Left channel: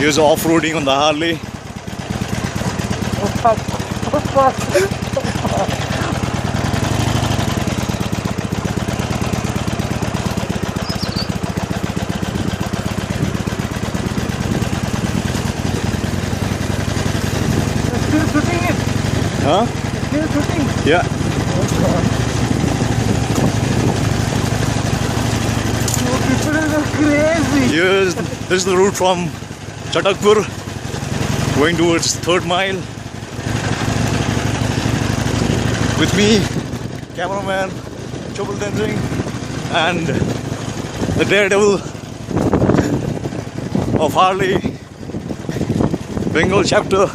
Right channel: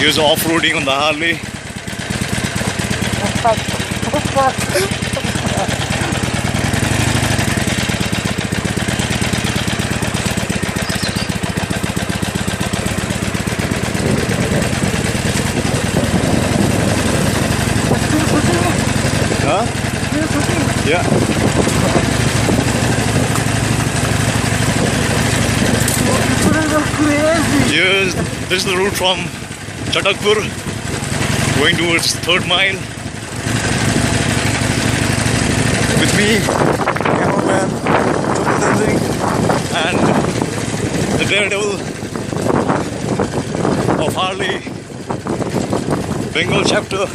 Here's off-roading on the Harley. Huh? Yeah. This is the route from Chatakpur going towards 3rd mile. With me, cameraman and the daredevil of Harley Bengal chapter.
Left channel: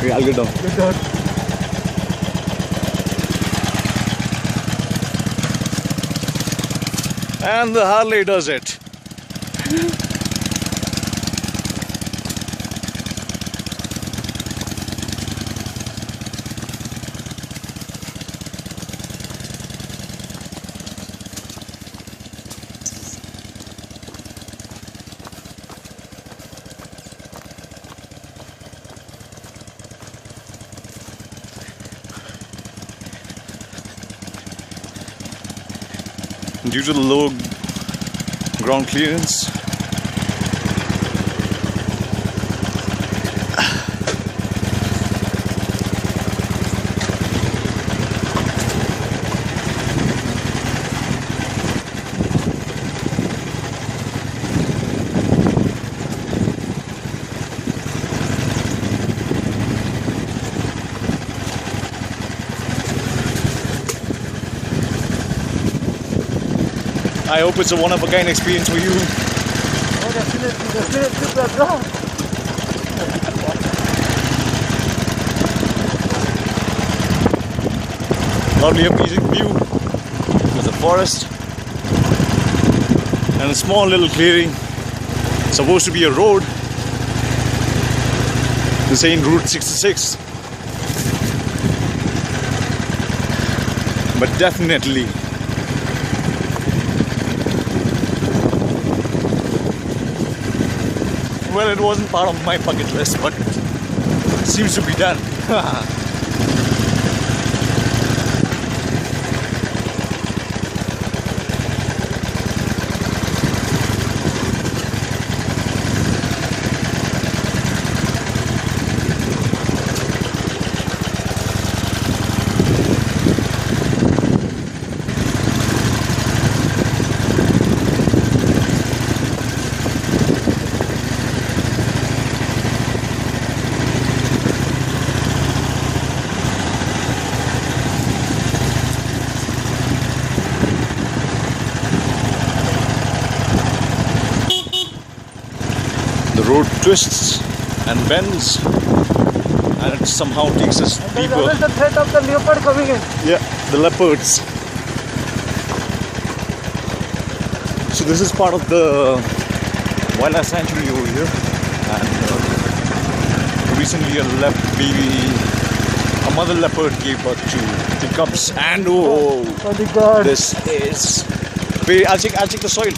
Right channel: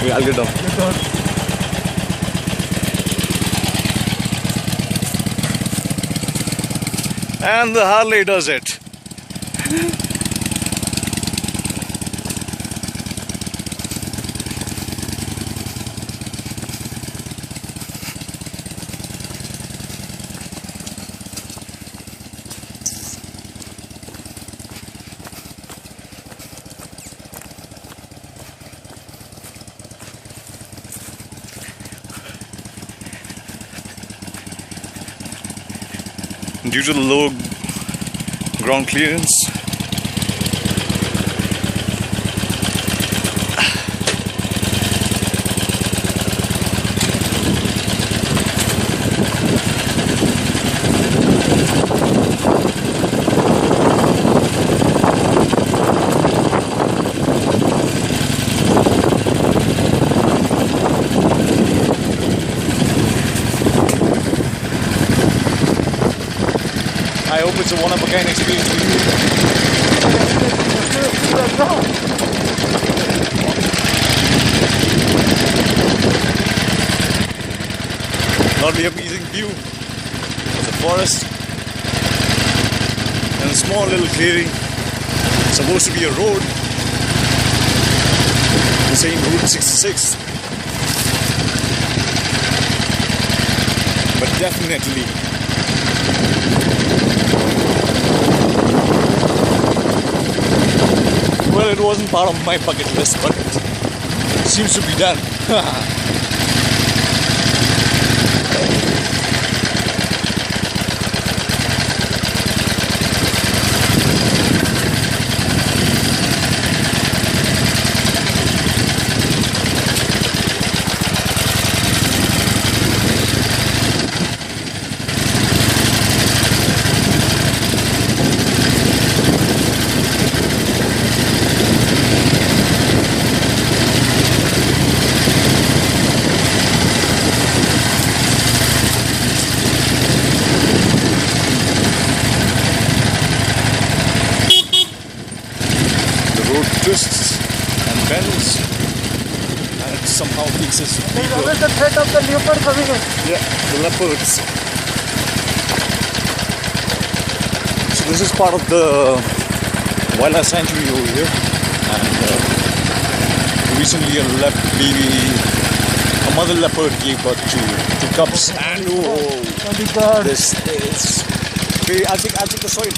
Yeah, I'll get down. Get down. And the Harley does it. Due to the low ground clearance, I hope it's a one-of-a-kind experience for you. Lovely appealing view. There's a forest and a small little clearing. It's supposed to be a road. They're saying Route 66. But definitely well, it wasn't part of my bucket list, but it seems to be done. The road twists and bends, and it somehow takes us deeper. What is the threat of the leopard coming in? Yeah, the leopards. So this is part of the wildlife sanctuary over here, and recently a mother leopard gave birth to two cubs. And oh, this is. Wait, I'll check the soil.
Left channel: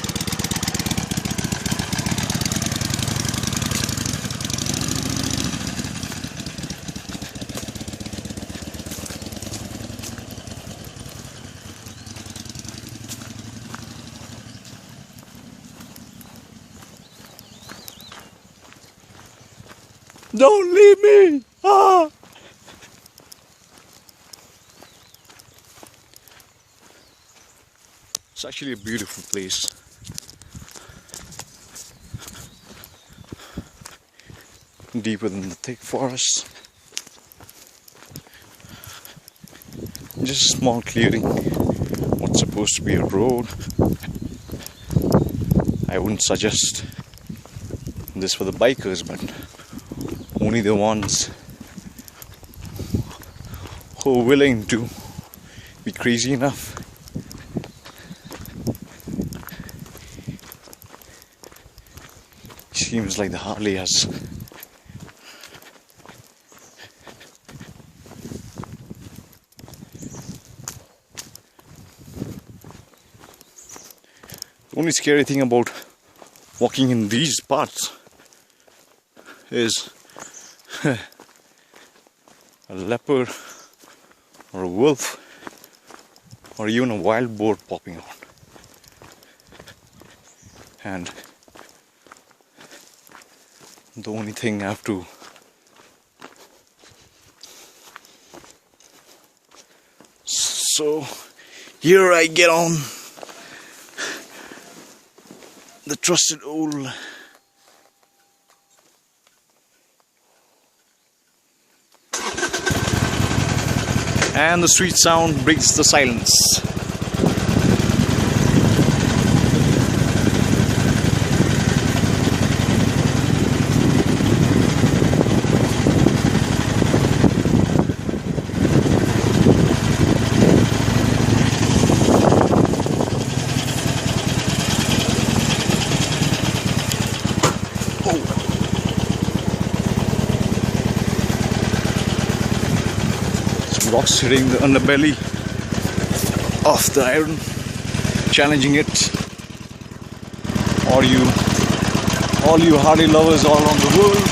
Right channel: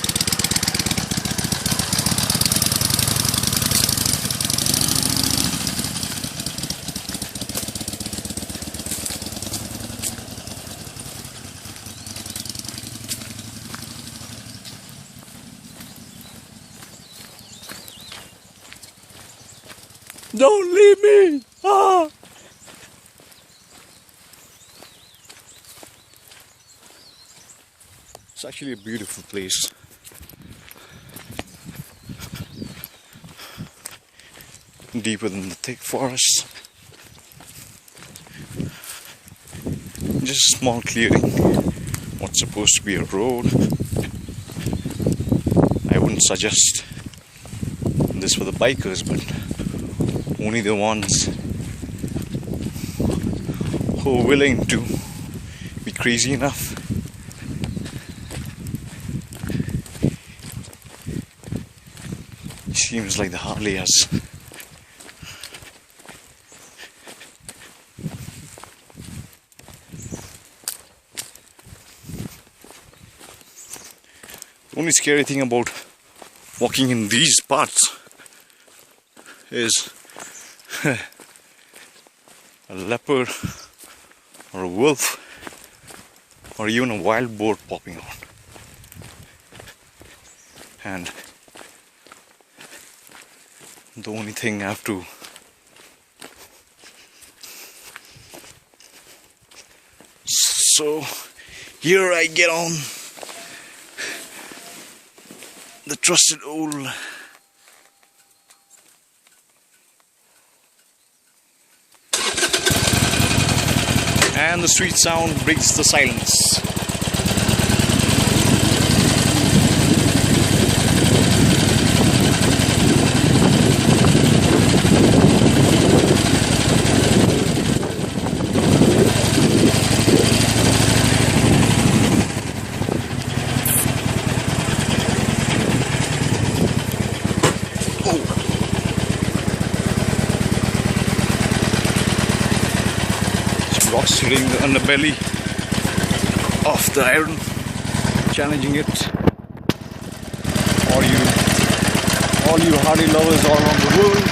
Don't leave me! Ah! It's actually a beautiful place. Deeper than the thick forest. Just a small clearing. What's supposed to be a road. I wouldn't suggest this for the bikers, but only the ones who are willing to be crazy enough. Seems like the Harley has only scary thing about walking in these parts is a leopard or a wolf or even a wild boar popping out. And the only thing I have to so here I get on the trusted old and the sweet sound breaks the silence. Rocks hitting the underbelly of the iron, challenging it. All you Harley lovers all around the world.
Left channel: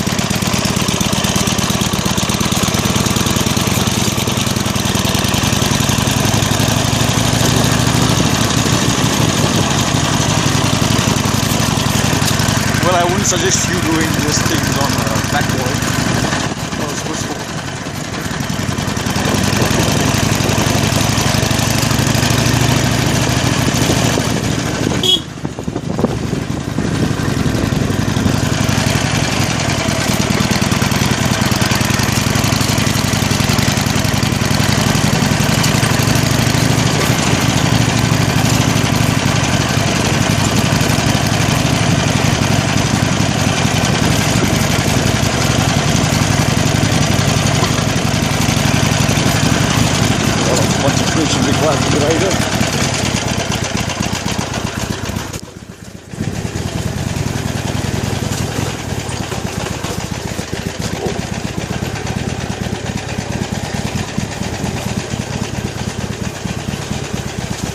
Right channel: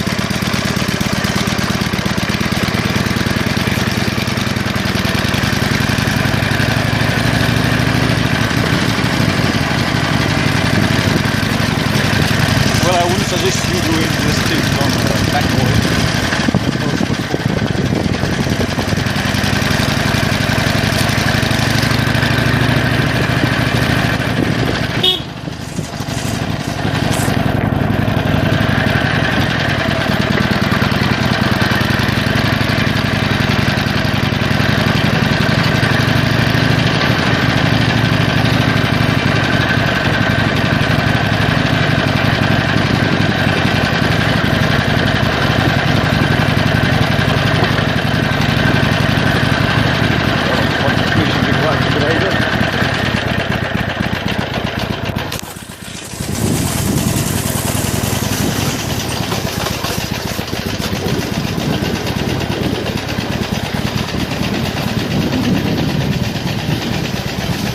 Well, I wouldn't suggest you doing those things on back road.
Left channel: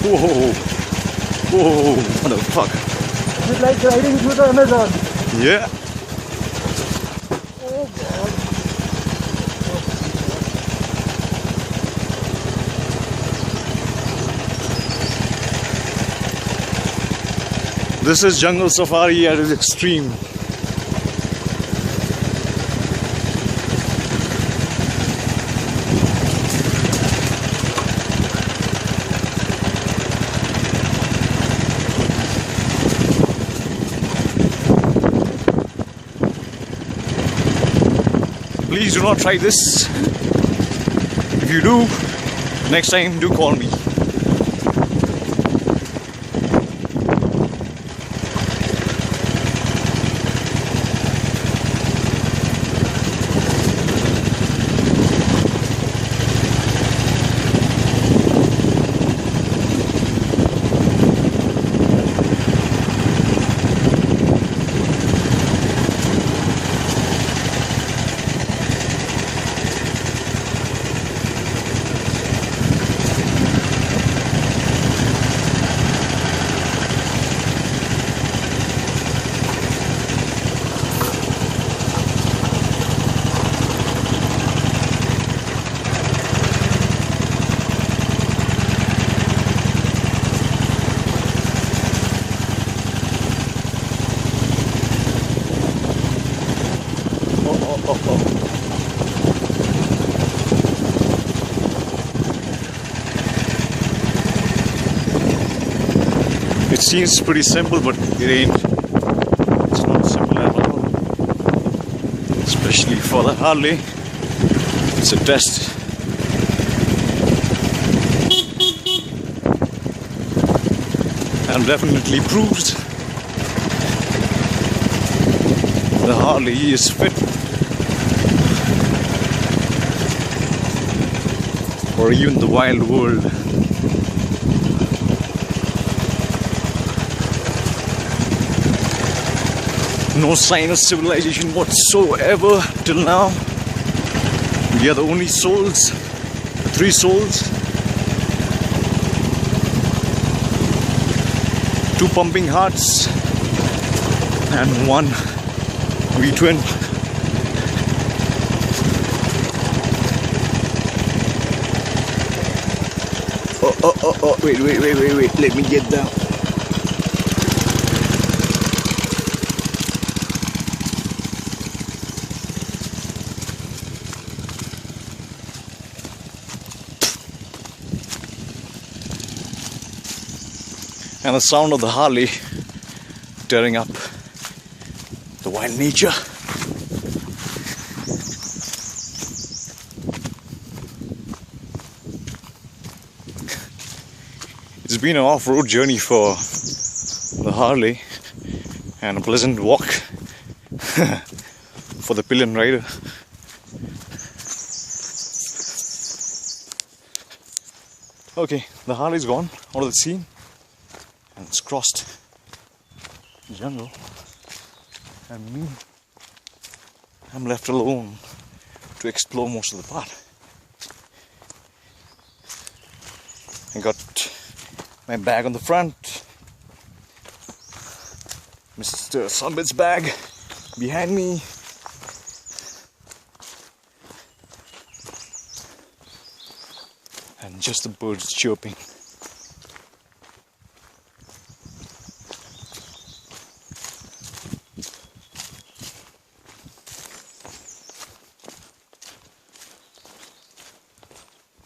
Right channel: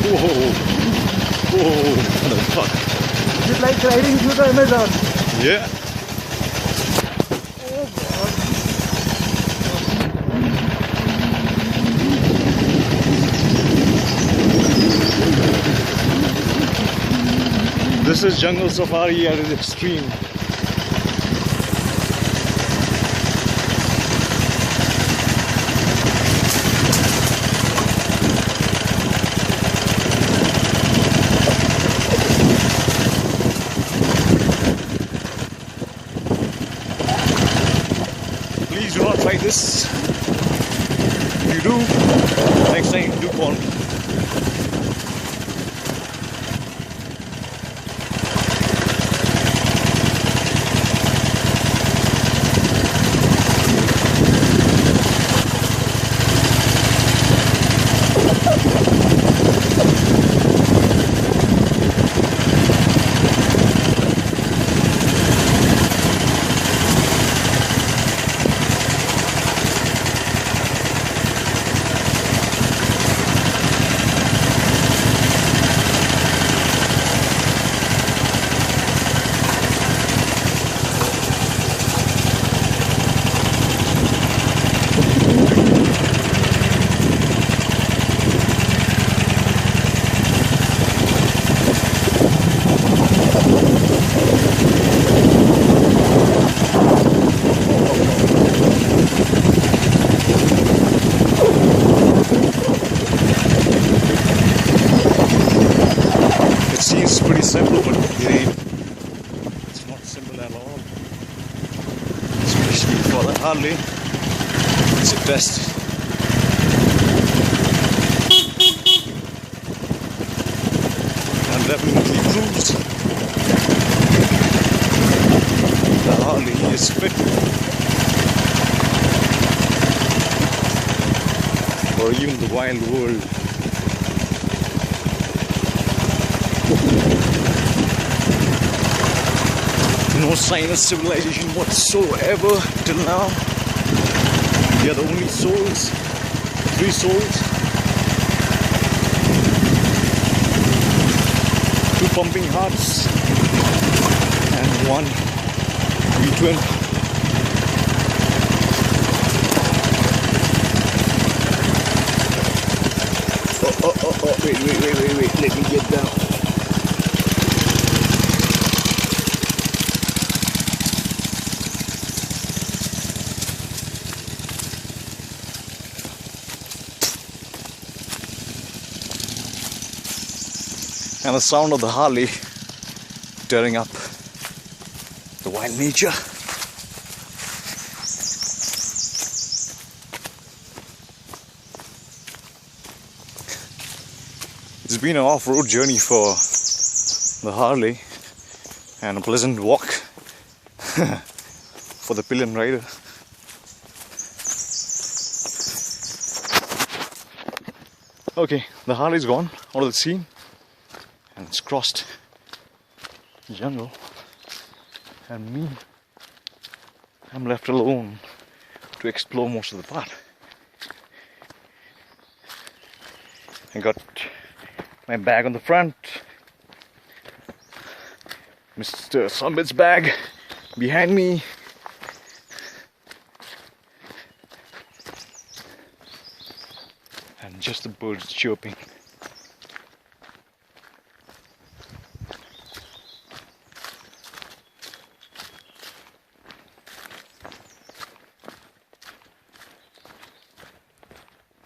Whoa, whoa, what the fuck? Is it like riding through the Amazon? Yeah. Oh God. This is jungle safari at its extreme. Please do not try this. If you do, next time do call me. It seems pretty simple, but it ain't. It's not simple at all. Especially for the Harley. It's a test. And definitely proves the Harley is fit for even the wild world. No sign of civilization whatsoever till now. We are the only souls, 3 souls, 2 pumping hearts and 1 V-twin. Oh, wait, let me get down. And the sound of the Harley tearing up the wild nature. It's been an off-road journey for the Harley and a pleasant walk for the pillion rider. Okay, the Harley's gone out of the scene and it's crossed the jungle, and me, I'm left alone to explore most of the path. I got my bag on the front, Mr. Sambit's bag behind me, and just the birds chirping.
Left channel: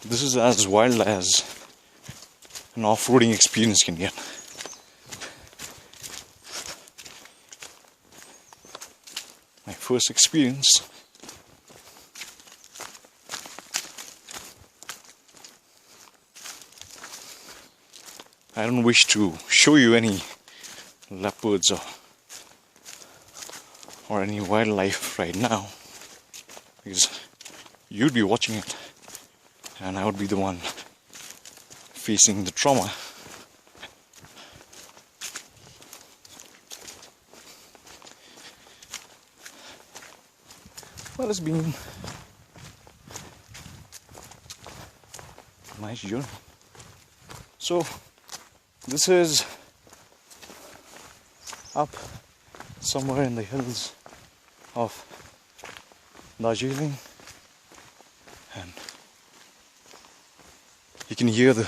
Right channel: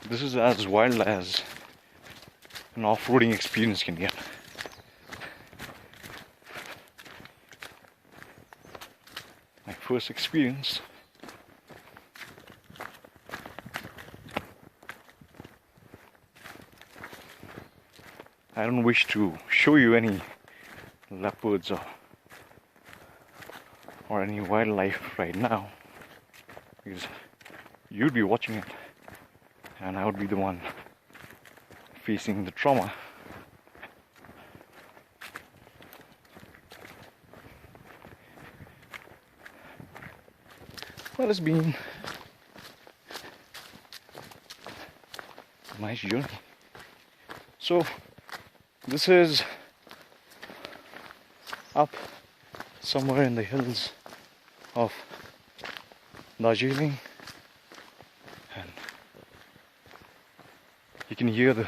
This is as wild as an off-roading experience can get. My first experience. I don't wish to show you any leopards or any wildlife right now, because you'd be watching it and I would be the one facing the trauma. Well, it's been a nice journey. So this is up somewhere in the hills of Darjeeling, and you can hear the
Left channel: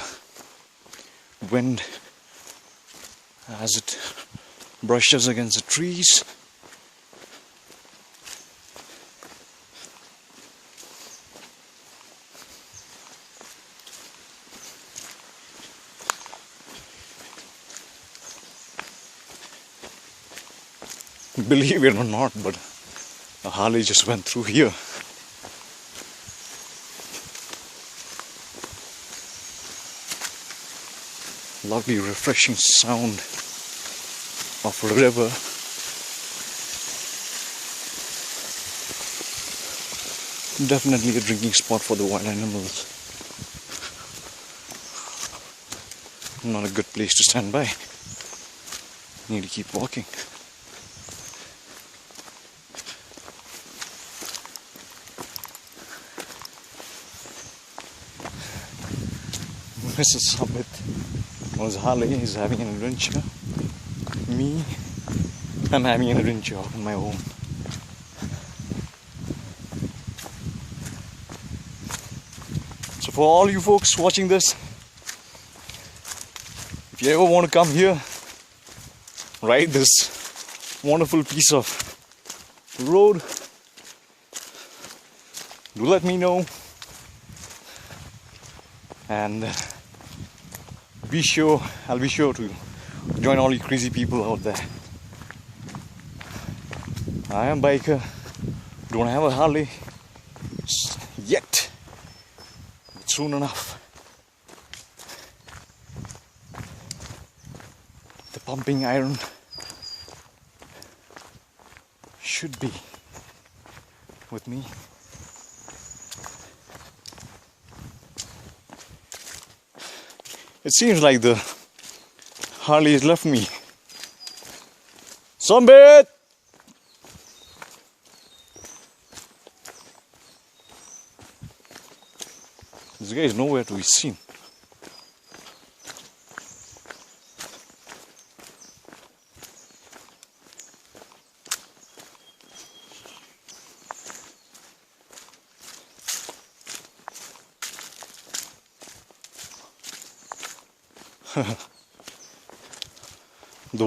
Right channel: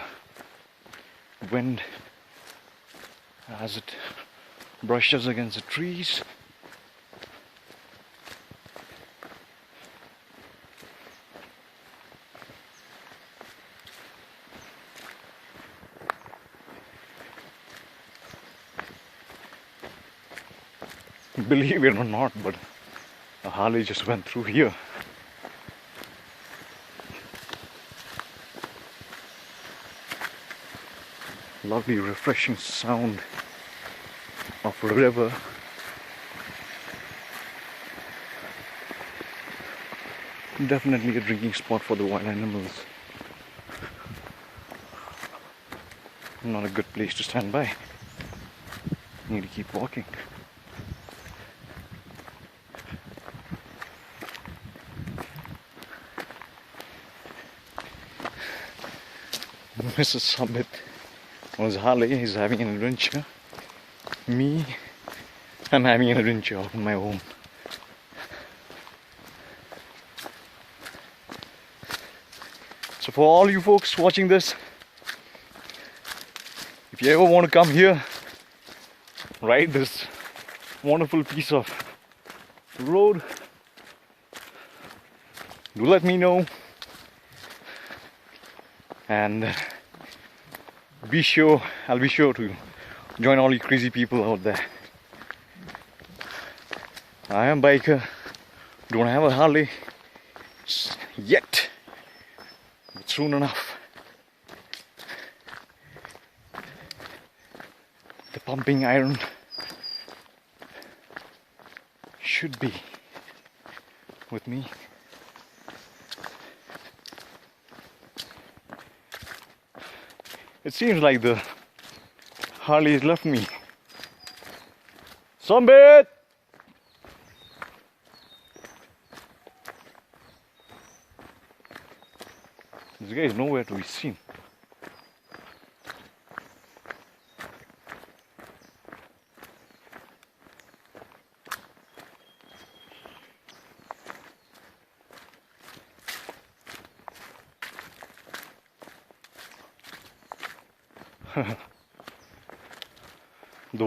wind as it brushes against the trees. Believe it or not, but a Harley just went through here. Lovely, refreshing sound of a river. Definitely a drinking spot for the wild animals. Not a good place to stand by. Need to keep walking. Mr. Summit was Harley is having an adventure. Me, I'm having an adventure on my own. So for all you folks watching this, if you ever want to come here, ride this wonderful piece of road, do let me know, and I'll be sure to join all you crazy people out there. I am a biker, don't have a Harley yet, but soon enough. The pumping iron should be with me. It seems like the Harley has left me. Sunbit! This guy is nowhere to be seen. The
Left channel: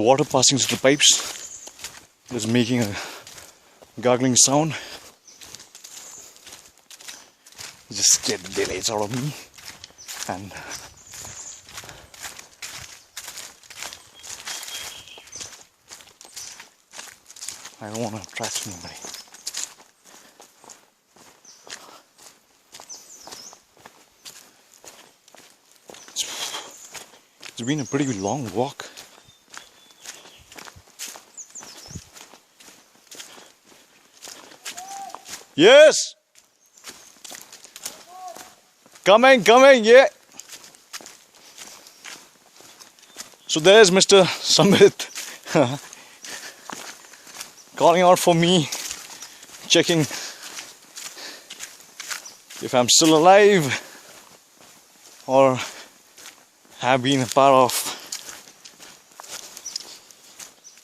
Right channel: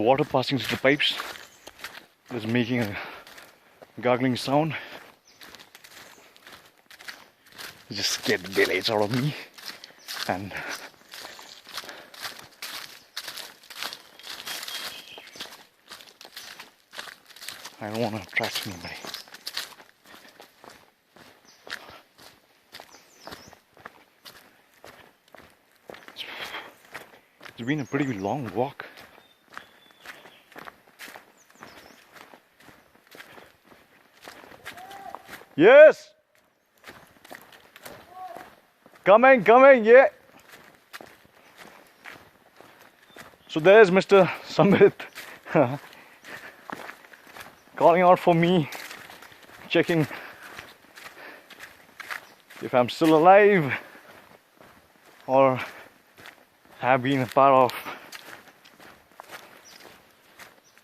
water passing through the pipes is making a gargling sound. It just scared the daylights out of me, and I don't want to trust anybody. It's been a pretty long walk. Yes! Coming, yeah. So there's Mr. Sambit calling out for me, checking if I'm still alive or have been a part of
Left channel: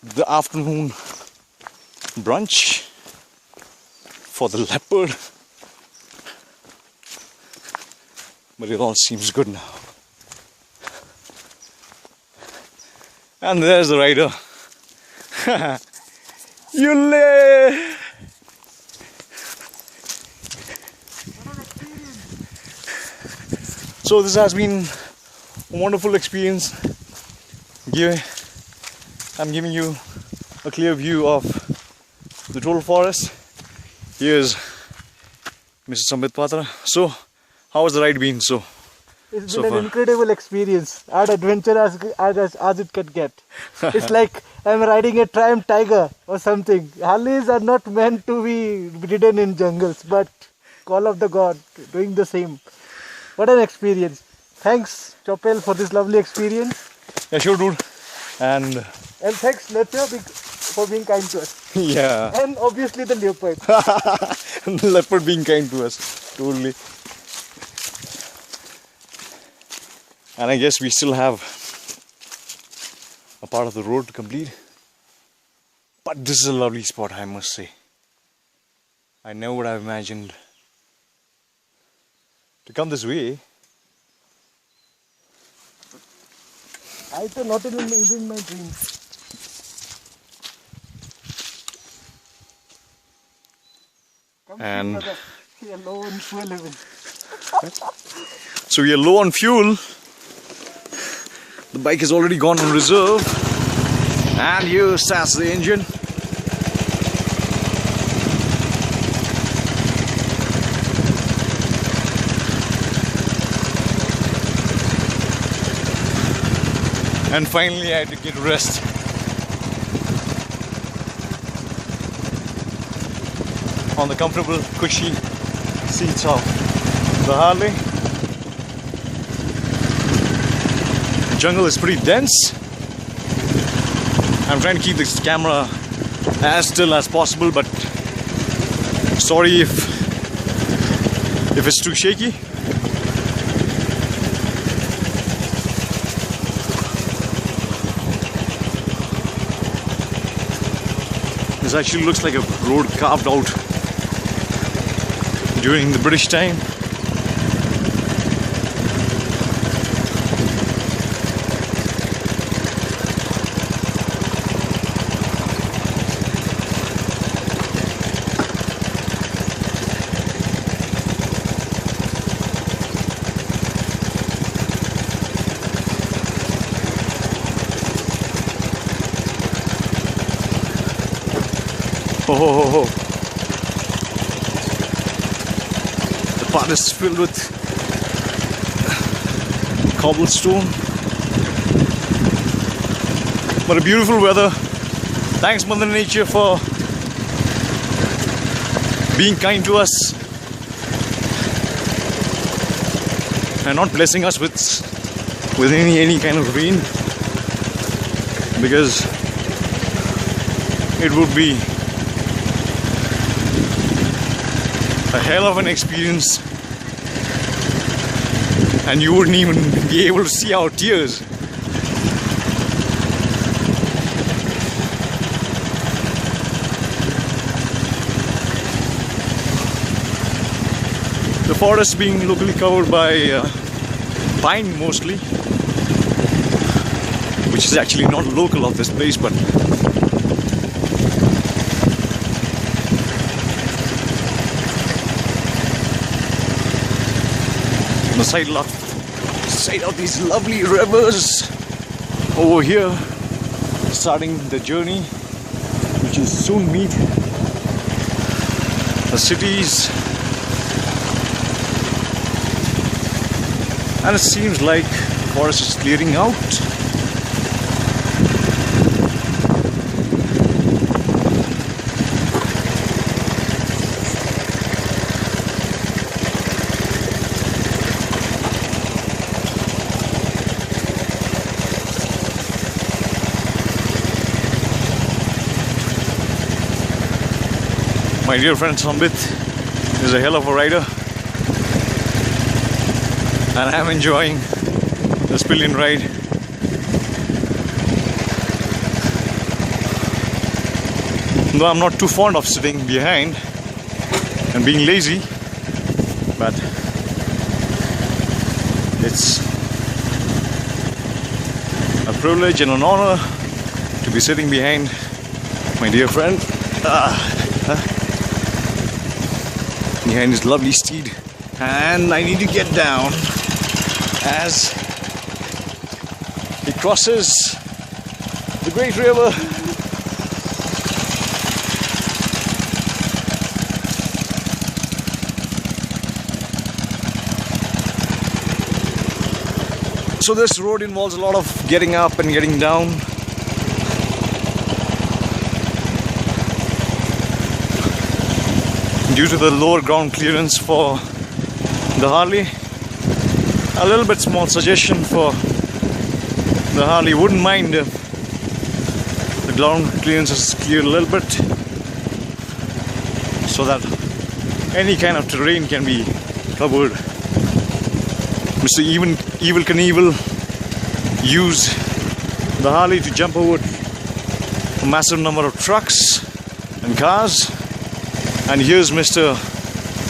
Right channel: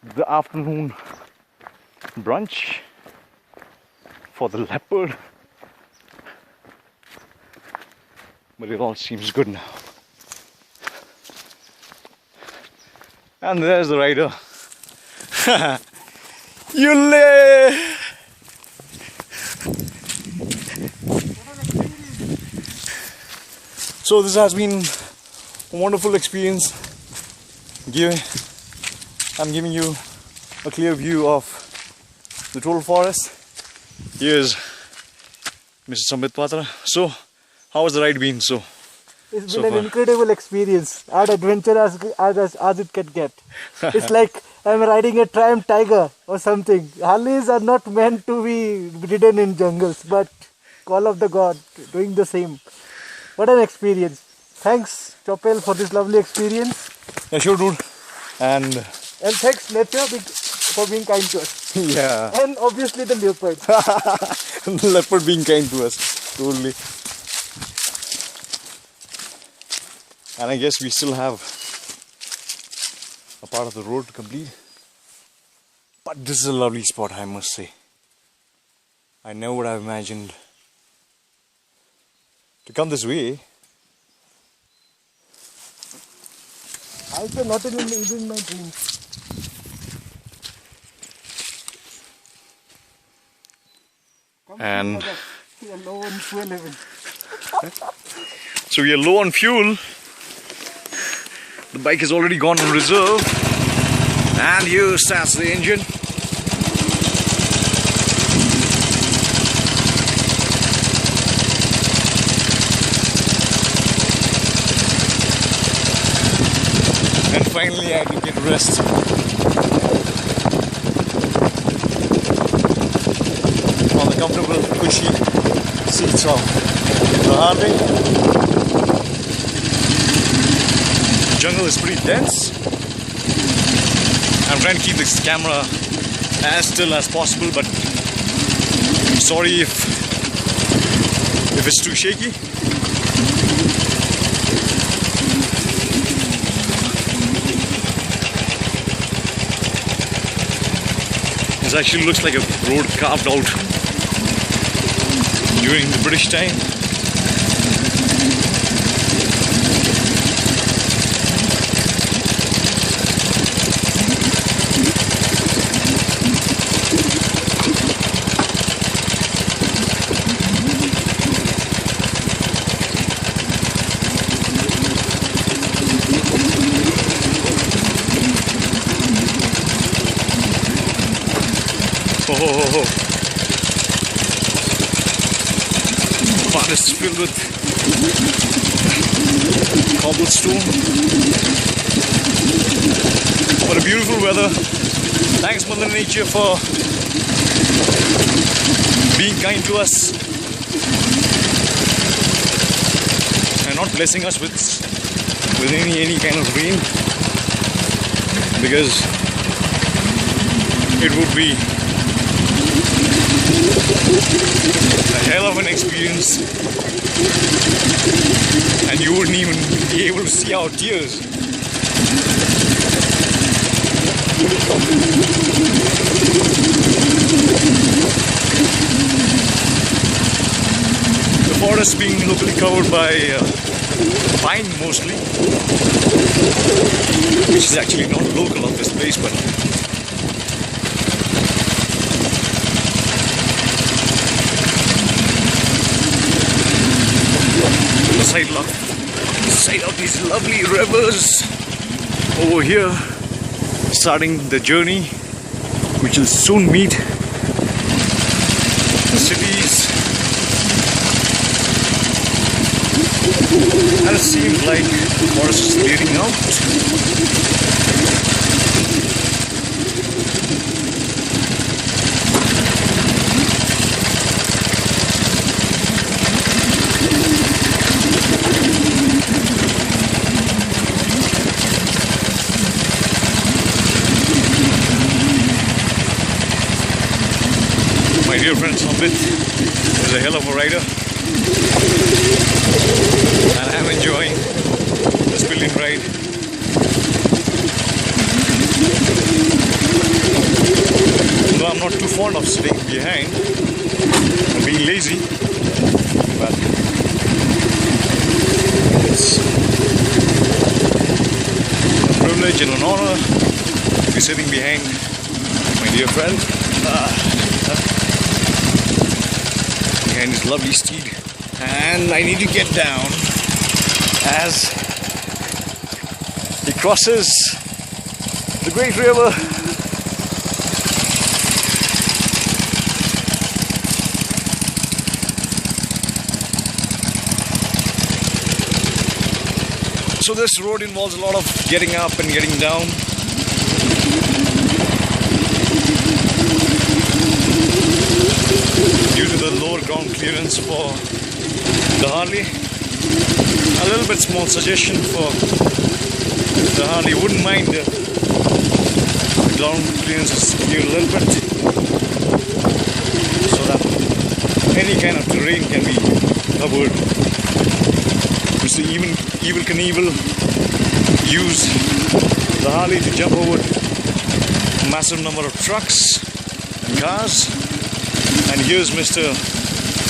the afternoon brunch for the leopard. But it all seems good now. And there's the rider. Yule! So this has been a wonderful experience. I'm giving you a clear view of the total forest. Here's Mr. Sambit Patra. So, how has the ride been? It's been an incredible experience, as adventure as it can get. It's like I'm riding a Triumph Tiger or something. Harleys are not meant to be ridden in jungles, but call of the god, doing the same. What an experience. Thanks, Chopel, for this lovely experience. Yeah, sure, dude. And thanks, nature, for being kind to us. Yeah. And obviously the leopard. The leopard being kind to us. Totally. And I guess we still have a part of the road to complete. But this is a lovely spot, I must say. I never would have imagined to come this way. I said not even in my dreams. And we are low on fuel level. So we are low on fuel. The bike has already gone on reserve. And here starts the engine. And finally I had to get rest. On the comfortable, cushy seats of the Harley. The jungle is pretty dense. I'm trying to keep this camera as still as possible, but sorry if it's too shaky. This actually looks like a road carved out during the British time. Oh. The path is filled with cobblestone. What a beautiful weather. Thanks Mother Nature for being kind to us and not blessing us with any kind of rain, because it would be a hell of an experience and you wouldn't even be able to see our tears. The forest being locally covered by pine mostly, which is actually not local of this place, but on the side of these lovely rivers over here, starting the journey, which will soon meet the cities. And it seems like the forest is clearing out. My dear friend Sambit is a hell of a rider, and I'm enjoying this pillion ride. Though I'm not too fond of sitting behind and being lazy, but it's a privilege and an honor to be sitting behind my dear friend. Behind this lovely steed, and I need to get down as he crosses the great river. So this road involves a lot of getting up and getting down. Due to the lower ground clearance for the Harley. A little bit small suggestion for the Harley, wouldn't mind if the ground clearance is cleared a little bit, so that any kind of terrain can be covered, which the Evel Knievel use the Harley to jump over a massive number of trucks and cars. And here's Mr.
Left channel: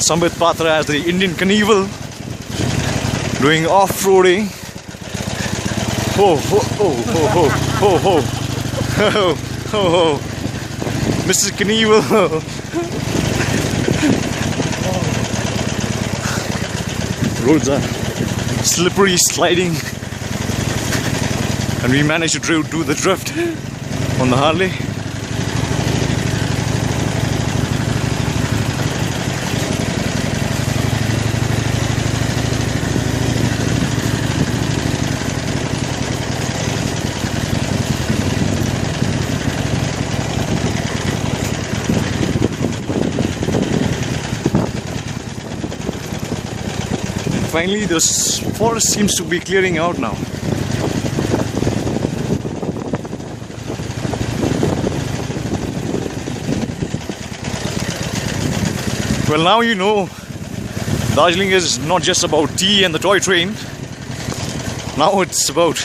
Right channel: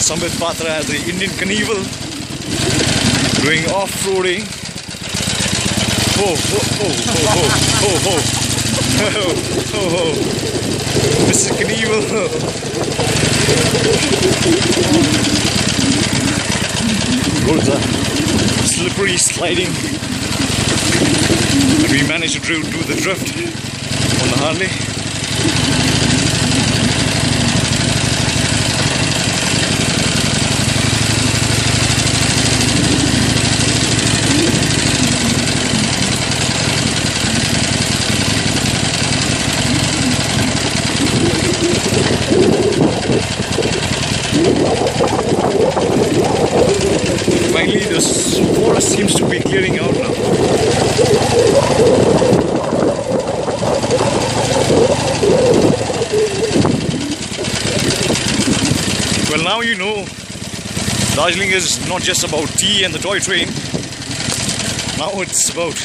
Sambit Patra as the Indian Knievel doing off-roading. Oh, oh, oh, oh, oh, oh, oh, oh, oh, Mr. Knievel. Roads are slippery, sliding, and we managed to do the drift on the Harley. Finally, this forest seems to be clearing out now. Well, now you know Darjeeling is not just about tea and the toy train. Now it's about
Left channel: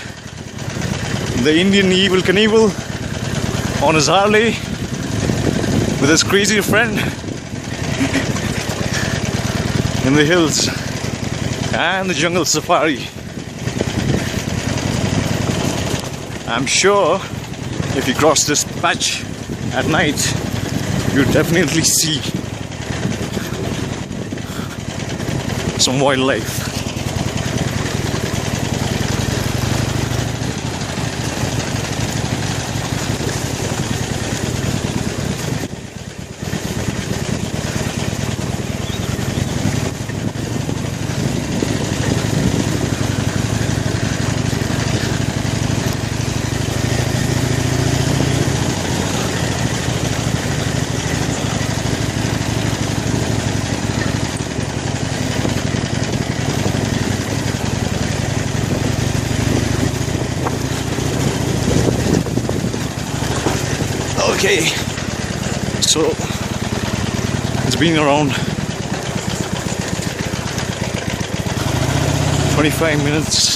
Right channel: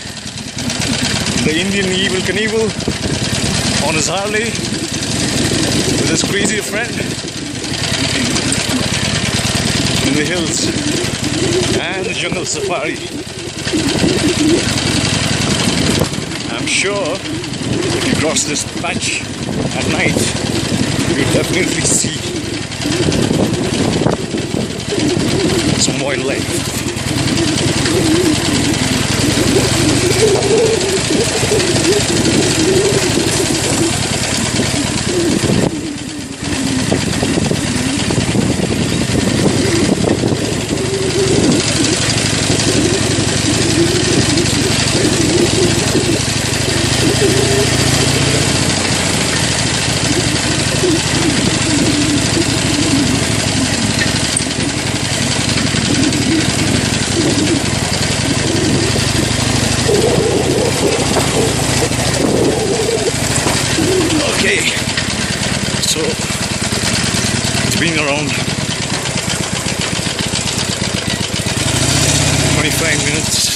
the Indian Evel Knievel on his Harley with his crazy friend in the hills and the jungle safari. I'm sure if you cross this patch at night, you'll definitely see some wildlife. Okay, so it's been around 25 minutes.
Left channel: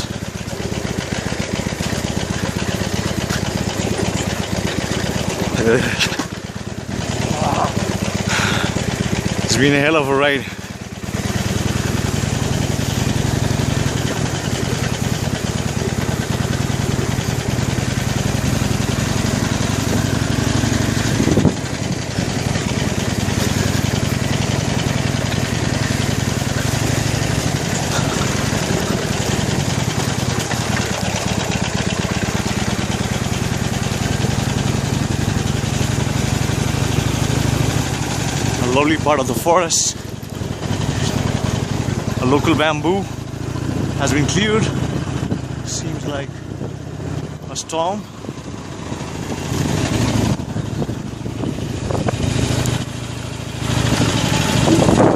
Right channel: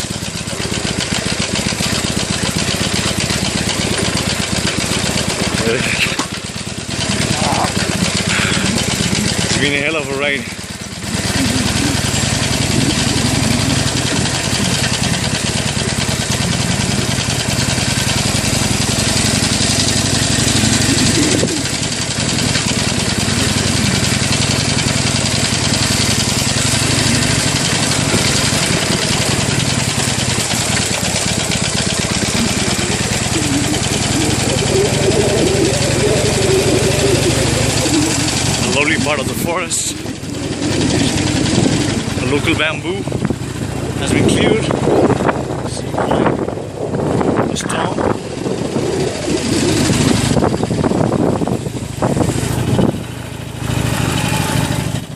It's been a hell of a ride. lovely part of the forest. A local bamboo has been cleared. Seemingly a storm.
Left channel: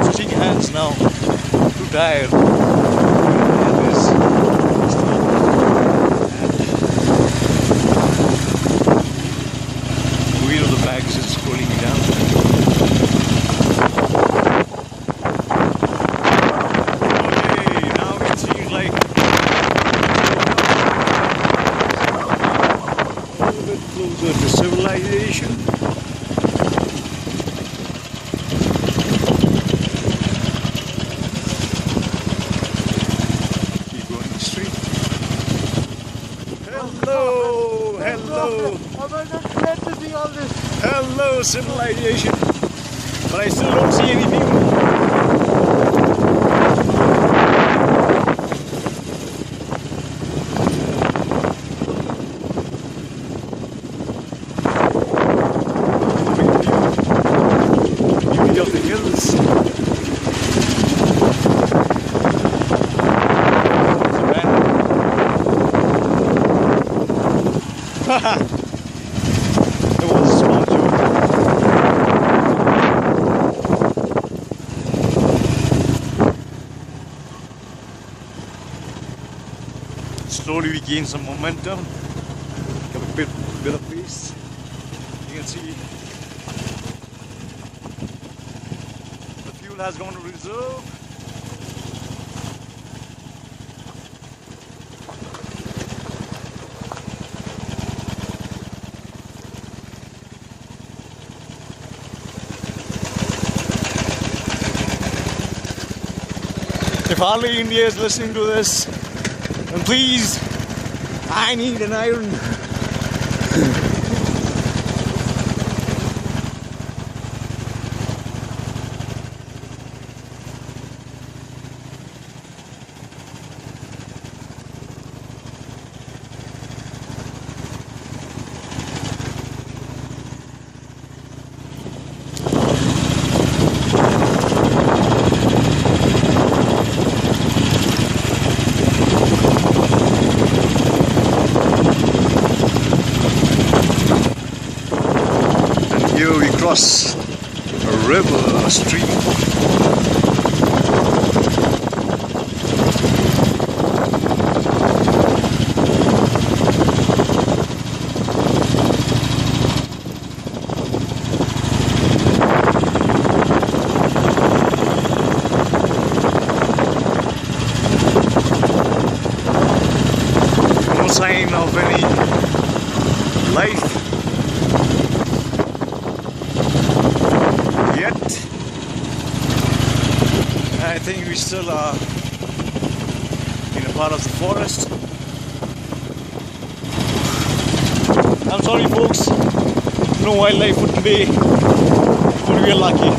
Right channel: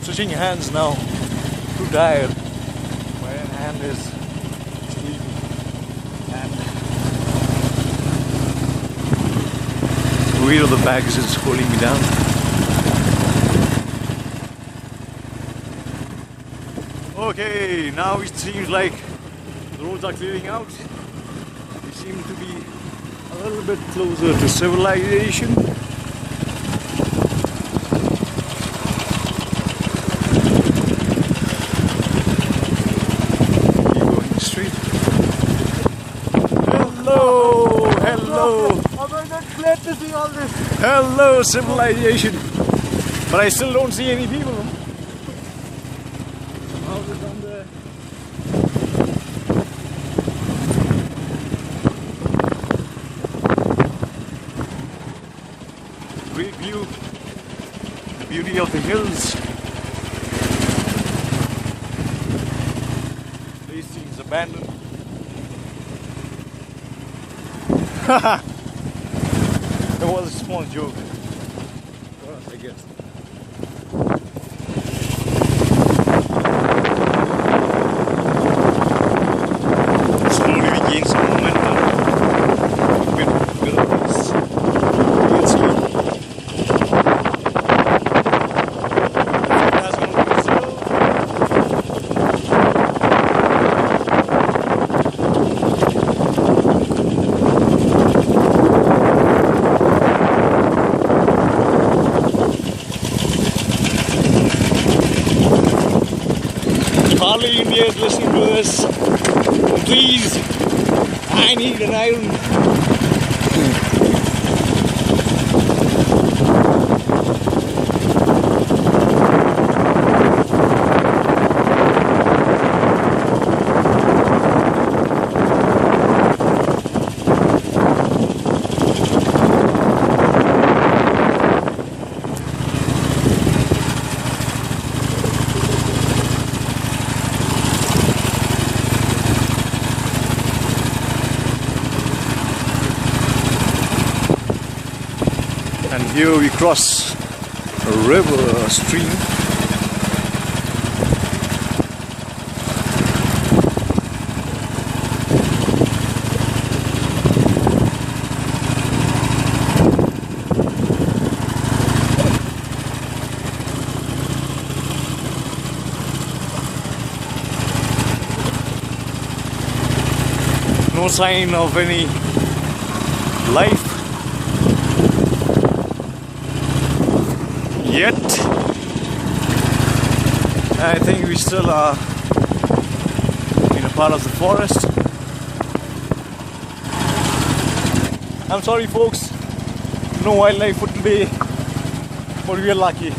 Switching hands now. Too tired. And this. The weight of the bags is holding me down. Okay, now it seems like we're a little bit closer to civilization. Keep going straight. Hello, hello. Oh my God, glad to see all this. Hello, civilization. But I still don't see any people. Beauty of the hills. Haha. It was a small joke. Slowly we gain some momentum. Bit of pace. You can see it has gone to zero. If Harley India is listening to this, then please, I need an iron. Here we cross a river, a stream. No sign of any life yet. I think we still are in a part of the forest. I'm sorry folks, no wildlife for today, but we are lucky.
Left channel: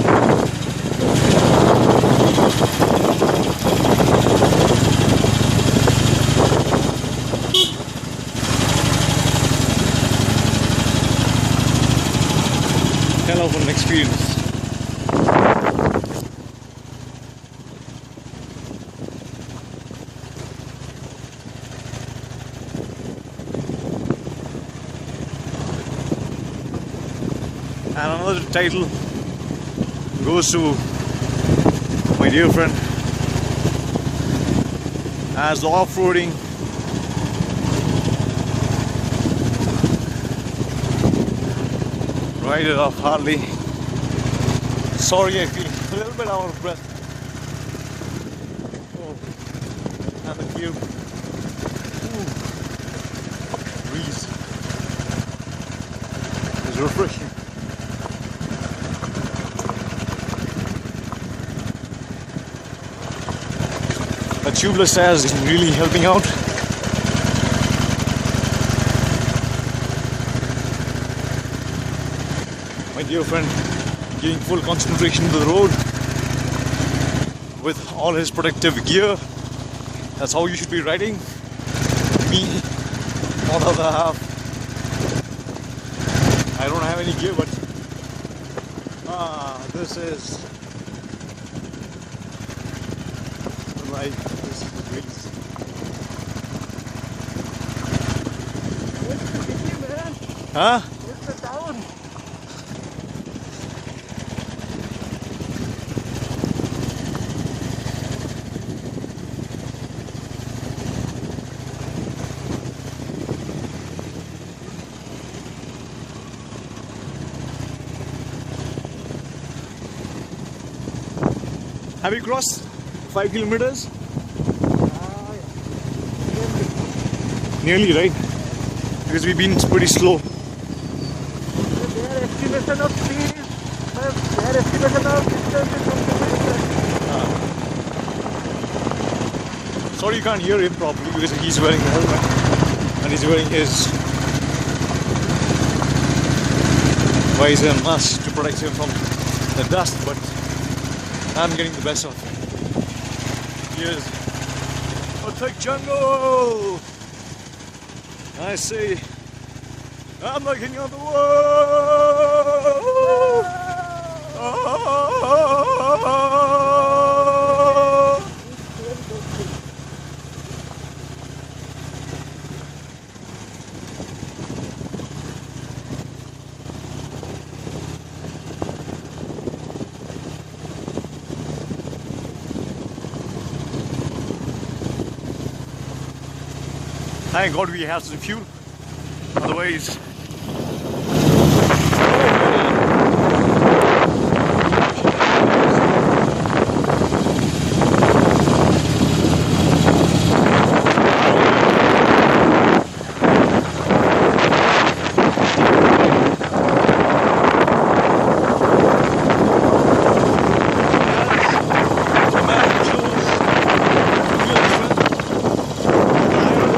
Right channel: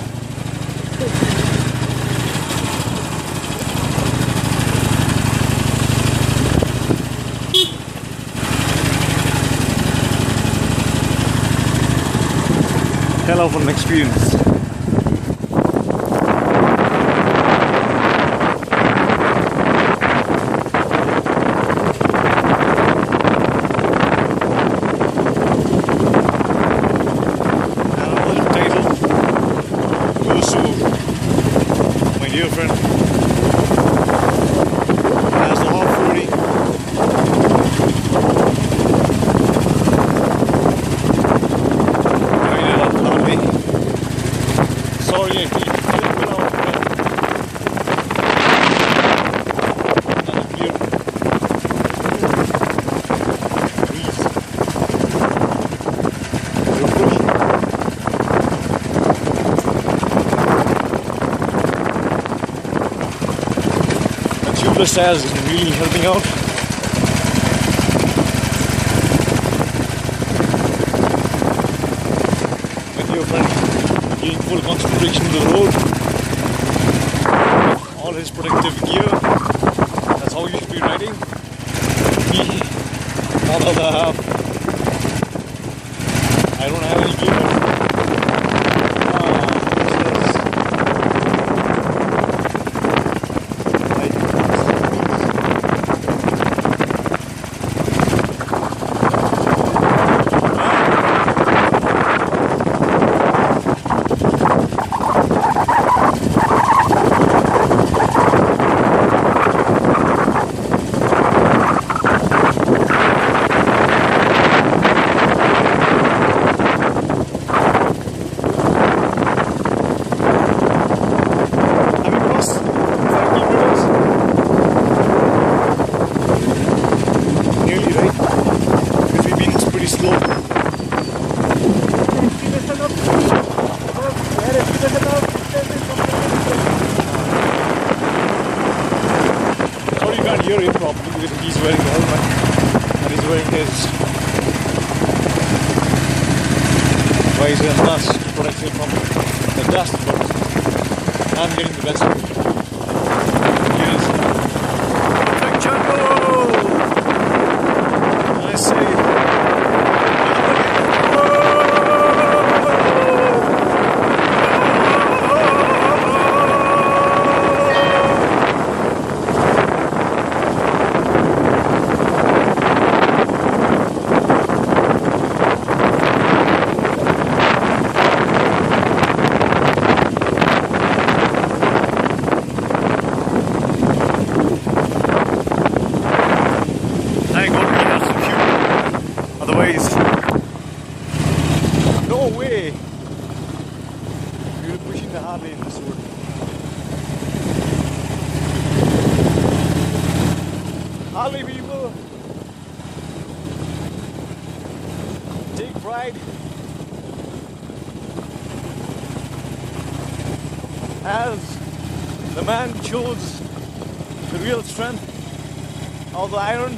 Hell of an experience. Title goes to my dear friend as the off-roading. Driving it up Harley. Sorry, I think a little bit out of breath. And a clear breeze. You're good. Tubeless tires is really helping out. My dear friend giving full concentration to the road with all his protective gear. That's how you should be riding. Me, not the other half. I don't have any gear. This is Nearly, right? Because we've been pretty slow. Their estimation of speed, their estimation of distance is completely different. Sorry you can't hear him properly because he's wearing the helmet and he's wearing his visor and mask to protect him from the dust, but I'm getting the best of it. Here's perfect jungle! I say, thank God we have some fuel. Otherwise, no way. The man chose real strength on the island.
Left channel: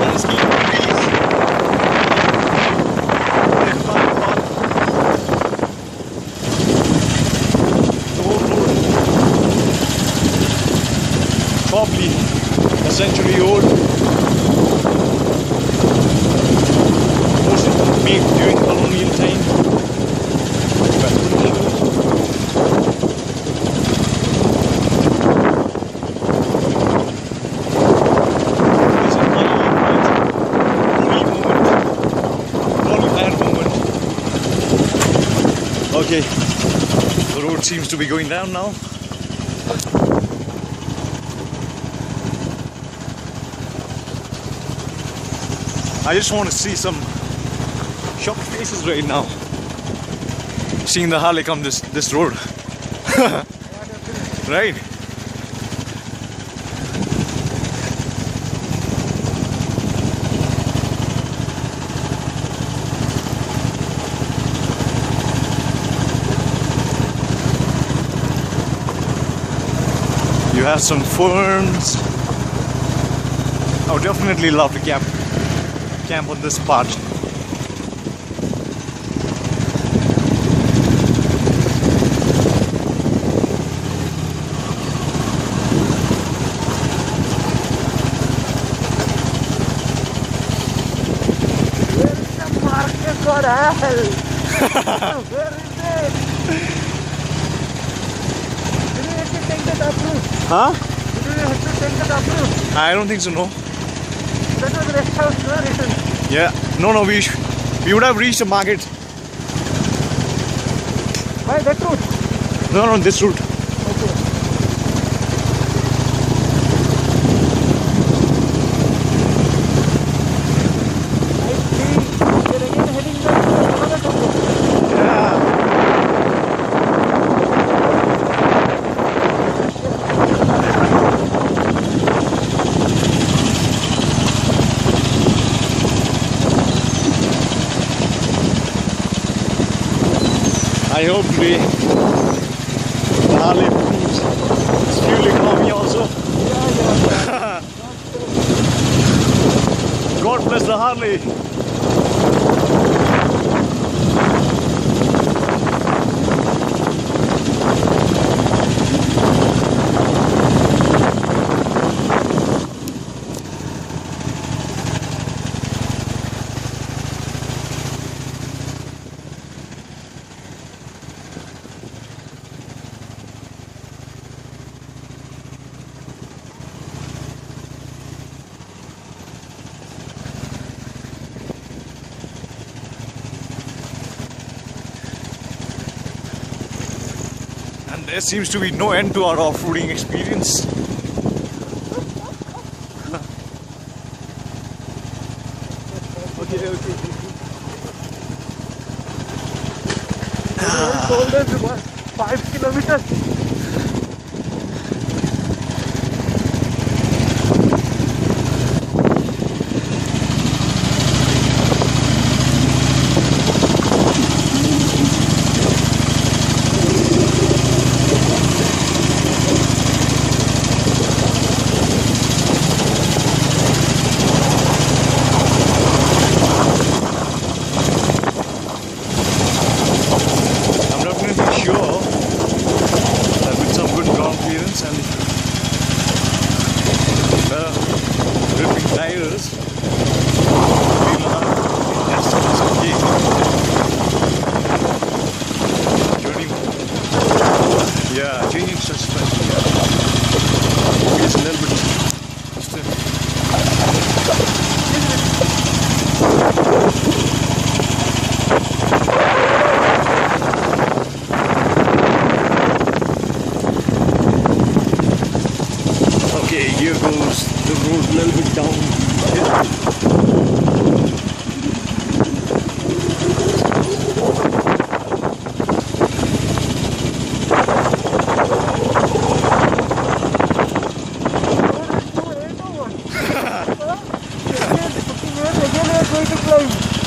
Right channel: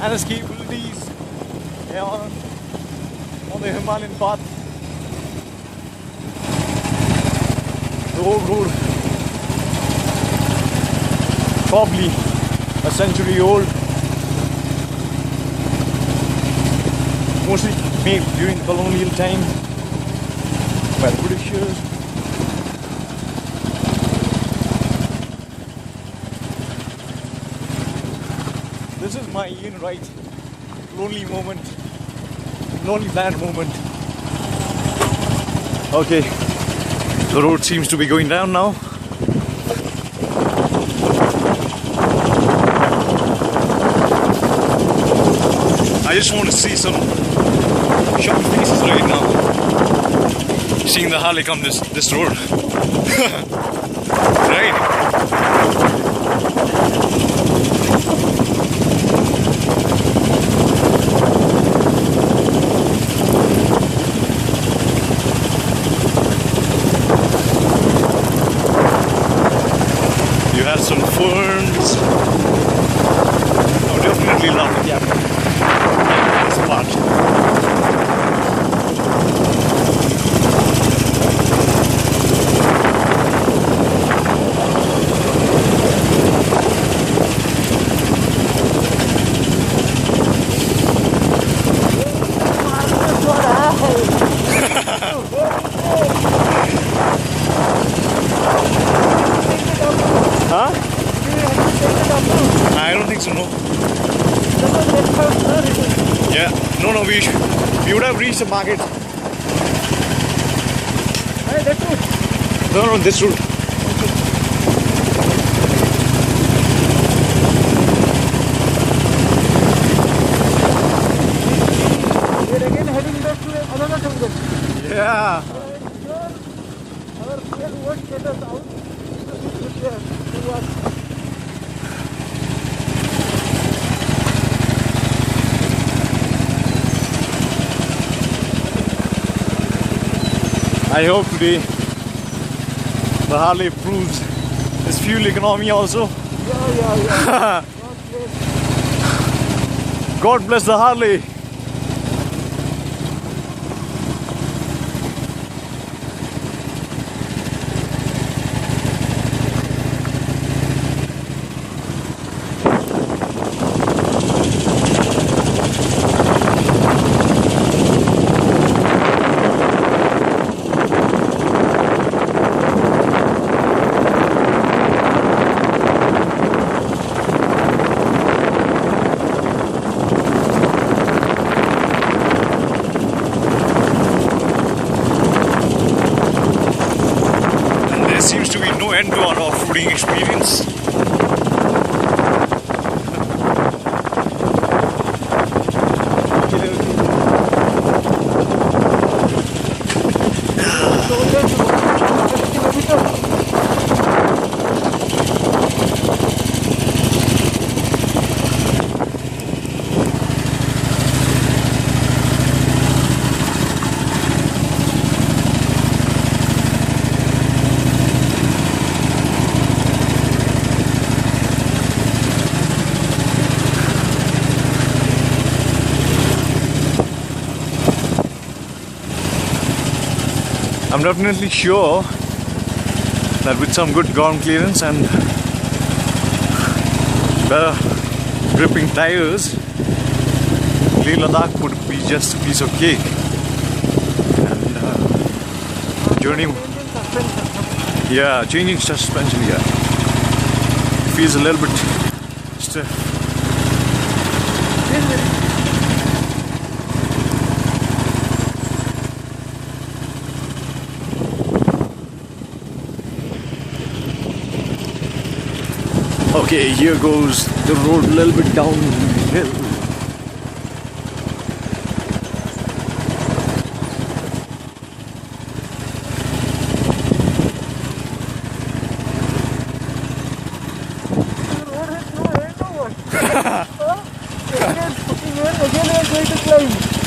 Let's keep these the old road, probably a century old, most made during colonial time. But pretty sure. That moment. Okay, the road seems to be going down now. I just want to see some shocked faces right now, seeing the Harley come this road. Right? You have some ferns. I would definitely love to camp this part. Huh? I don't think so, no. Yeah, no, we would have reached the market. Oh, that route? No, this route. Okay. We're again heading back to another jungle. Yeah. I hope today the Harley improves its fuel economy also. Yeah. God bless the Harley. There seems to be no end to our off-roading experience. definitely sure that with some good ground clearance and better gripping tires, Ladakh would be just a piece of cake. Journey, yeah, changing suspension, yeah, feels a little bit stiff. Okay, here goes the road a little bit downhill.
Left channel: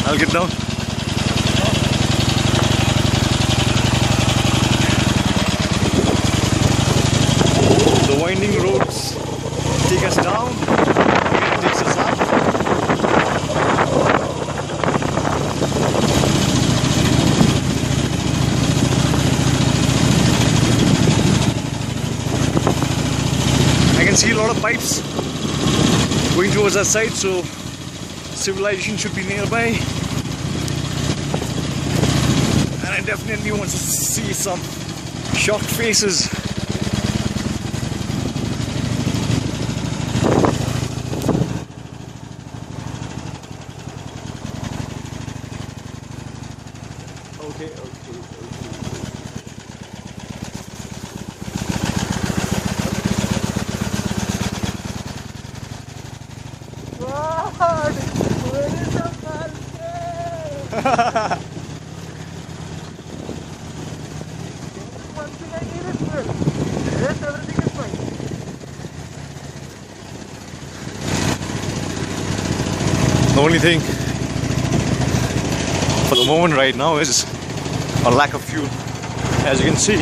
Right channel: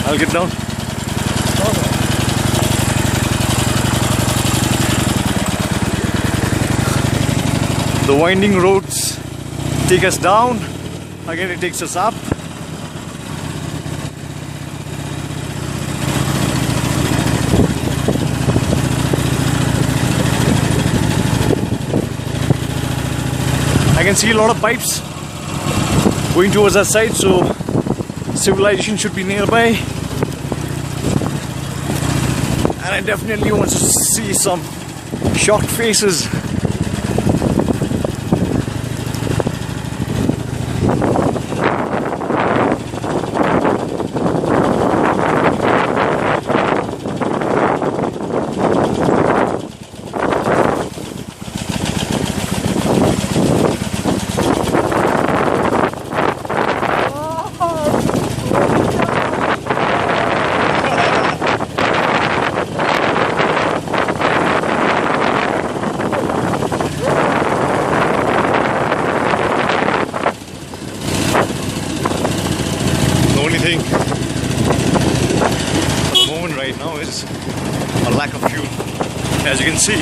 I'll get down. The winding roads take us down, again it takes us up. I can see a lot of pipes going towards that side, so civilization should be nearby. And I definitely want to see some shocked faces. The only thing for the moment right now is a lack of fuel. As you can see,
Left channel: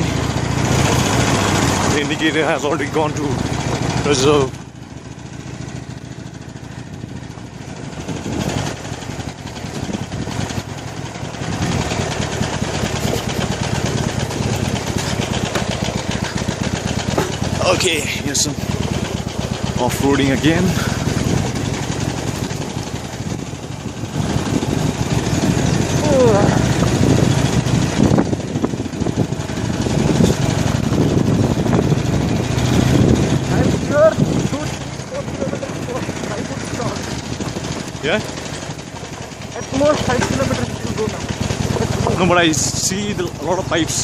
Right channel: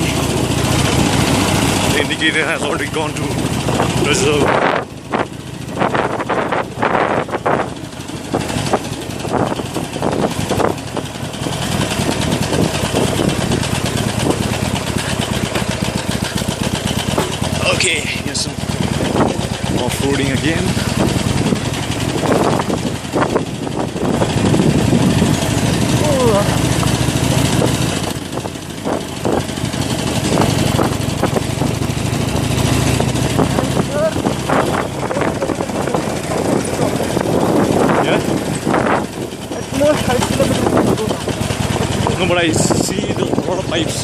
the indicator has already gone to reserve. Okay, here's some off-roading again. More 5 kilometers to go now. No, but I see a lot of pipes.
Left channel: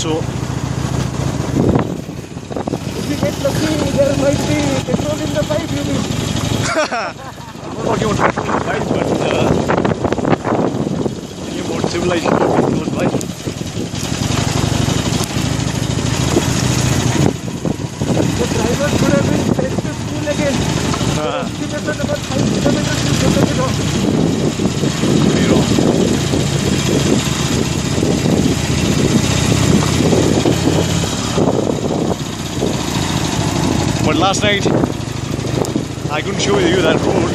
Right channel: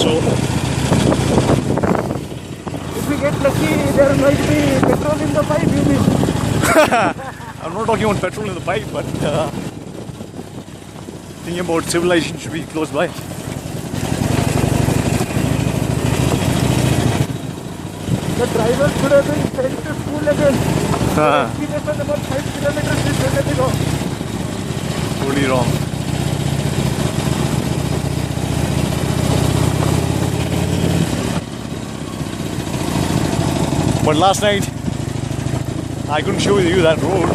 So if we get lucky, there might be petrol in the pipe. I'm not talking about petrol in the pipe, but thinking about civilization should be close by. The driver could have been sent to school again. Estimation about 5 kilometers is totally wrong. Totally wrong. But last night, I couldn't show you that road.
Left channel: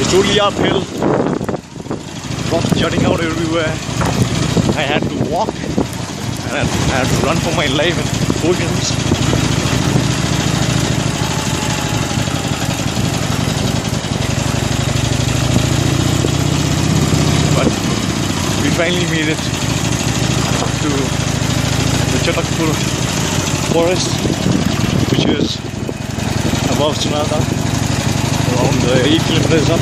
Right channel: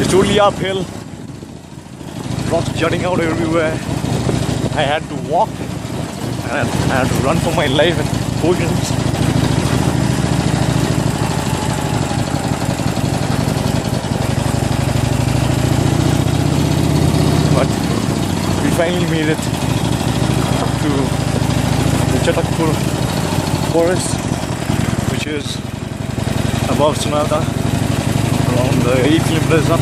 It's totally uphill, rocks jutting out everywhere. I had to walk and I had to run for my life in portions. But we finally made it to the Chatakpur forest, which is above Sonata, around 8 kilometers up.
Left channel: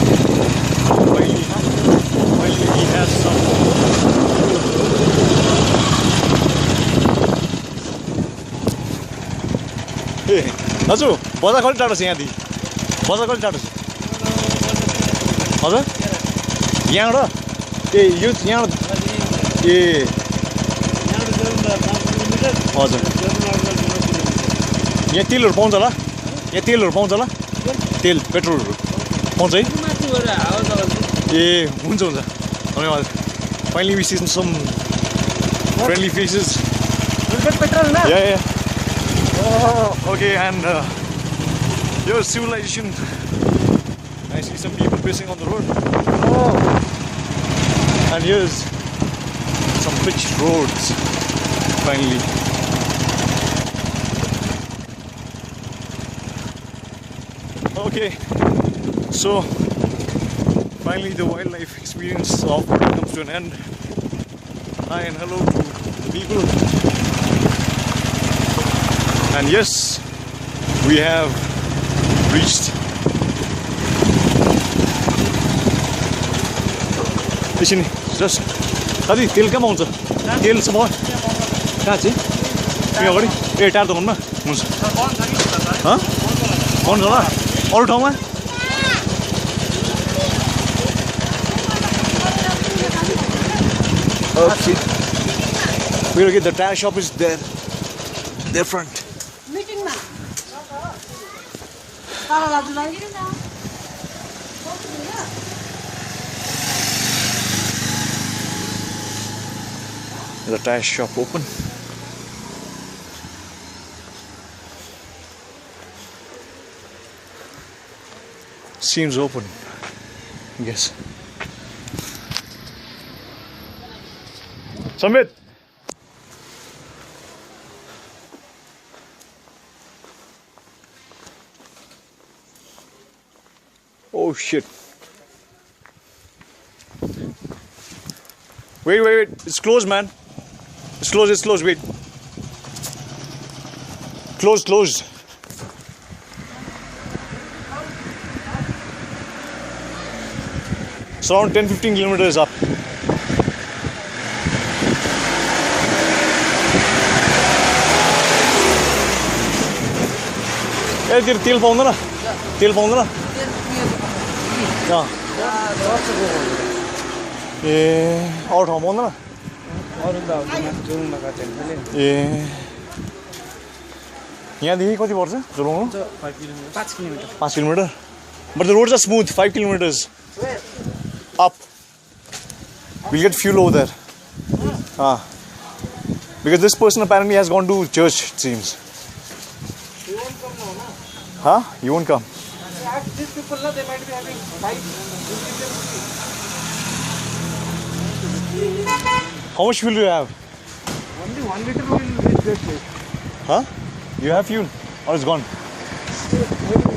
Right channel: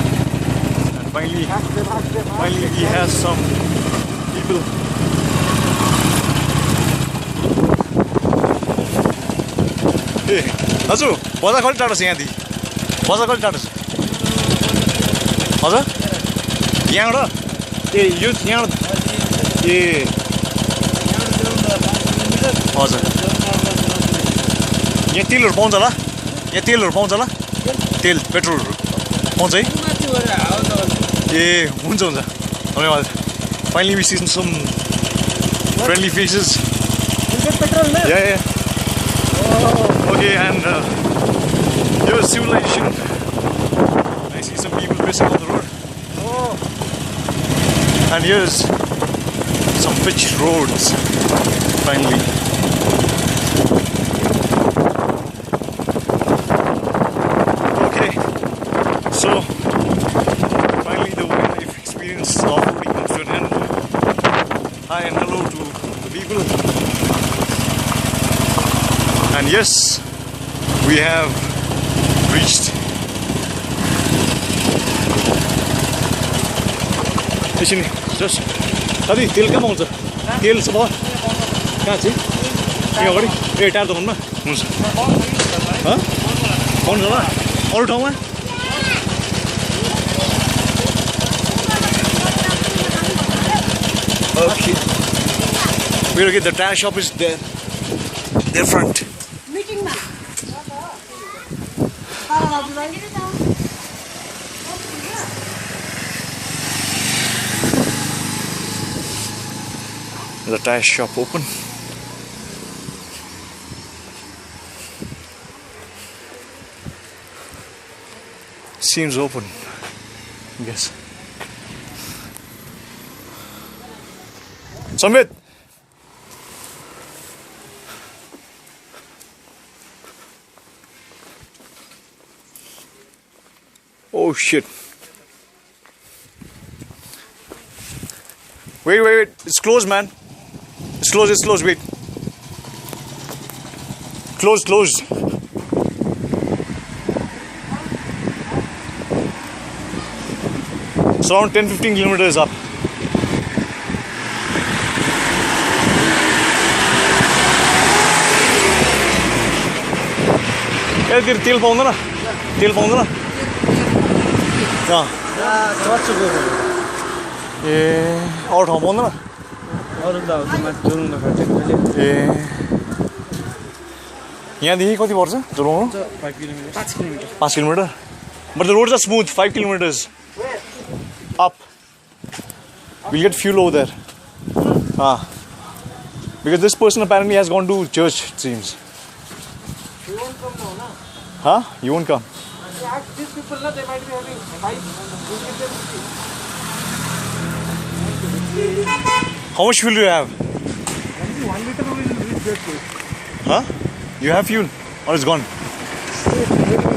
Finally he has some people. Hey, Nazu, बजार कति टाढो छ यहाँदेखि? बजार कति टाढो छ? हजुर? यहाँबाट? ए यो यहाँबाट? ए हजुर. यहाँ तेलहरु पाउँछ होला? यहाँ तेलहरु पाउँछ होला? तेल पेट्रोलहरु पाउँछ है? ए हुन्छ हुन्छ. धन्यवाद. Finally we see some friendly faces. Yeah. Oh. Okay, and here's civilization. I see some people pissing on the road. Oh. And here's some pitch roads finally. Okay, so finally the wildlife experience of comes to an end. Hi and hello to the people. And yes, we have reached fishing. Just Tadi, तेल कहाँ पाउँछ? तेल छ भयो? कहाँ चाहिँ? यो अगाडि ए टार दोकानमा हुन्छ ह? पाउँछ होला? अरू ठाउँमा? Okay. We're gonna get the tire shop is there. Their front. Meeting ma. The tire shop open. Seems open. Yes. Samit. Oh shit. Wait. It's closed, man. It's closed, wait. Closed. It's around 10-15 kilometers up. Yeah, तेल पाउँदैन ना? तेल पाउँदैन ना? कहाँ? ए अरू ठाउँ पाउँदैन ना? यहाँदेखि कति पर्छ Jorebunglow? 5 kilometers. But the roads are smooth, 5 kilometers up. We'll get fuel over there. Because this person apparently has gone to church, it seems. You won't come now, na? Huh? You won't come. Ask these people, na, they might be having bikes. We'll give them How much fuel do you have? only 1 liter will reach that place. Huh? You have fuel? Or it's gone? Maybe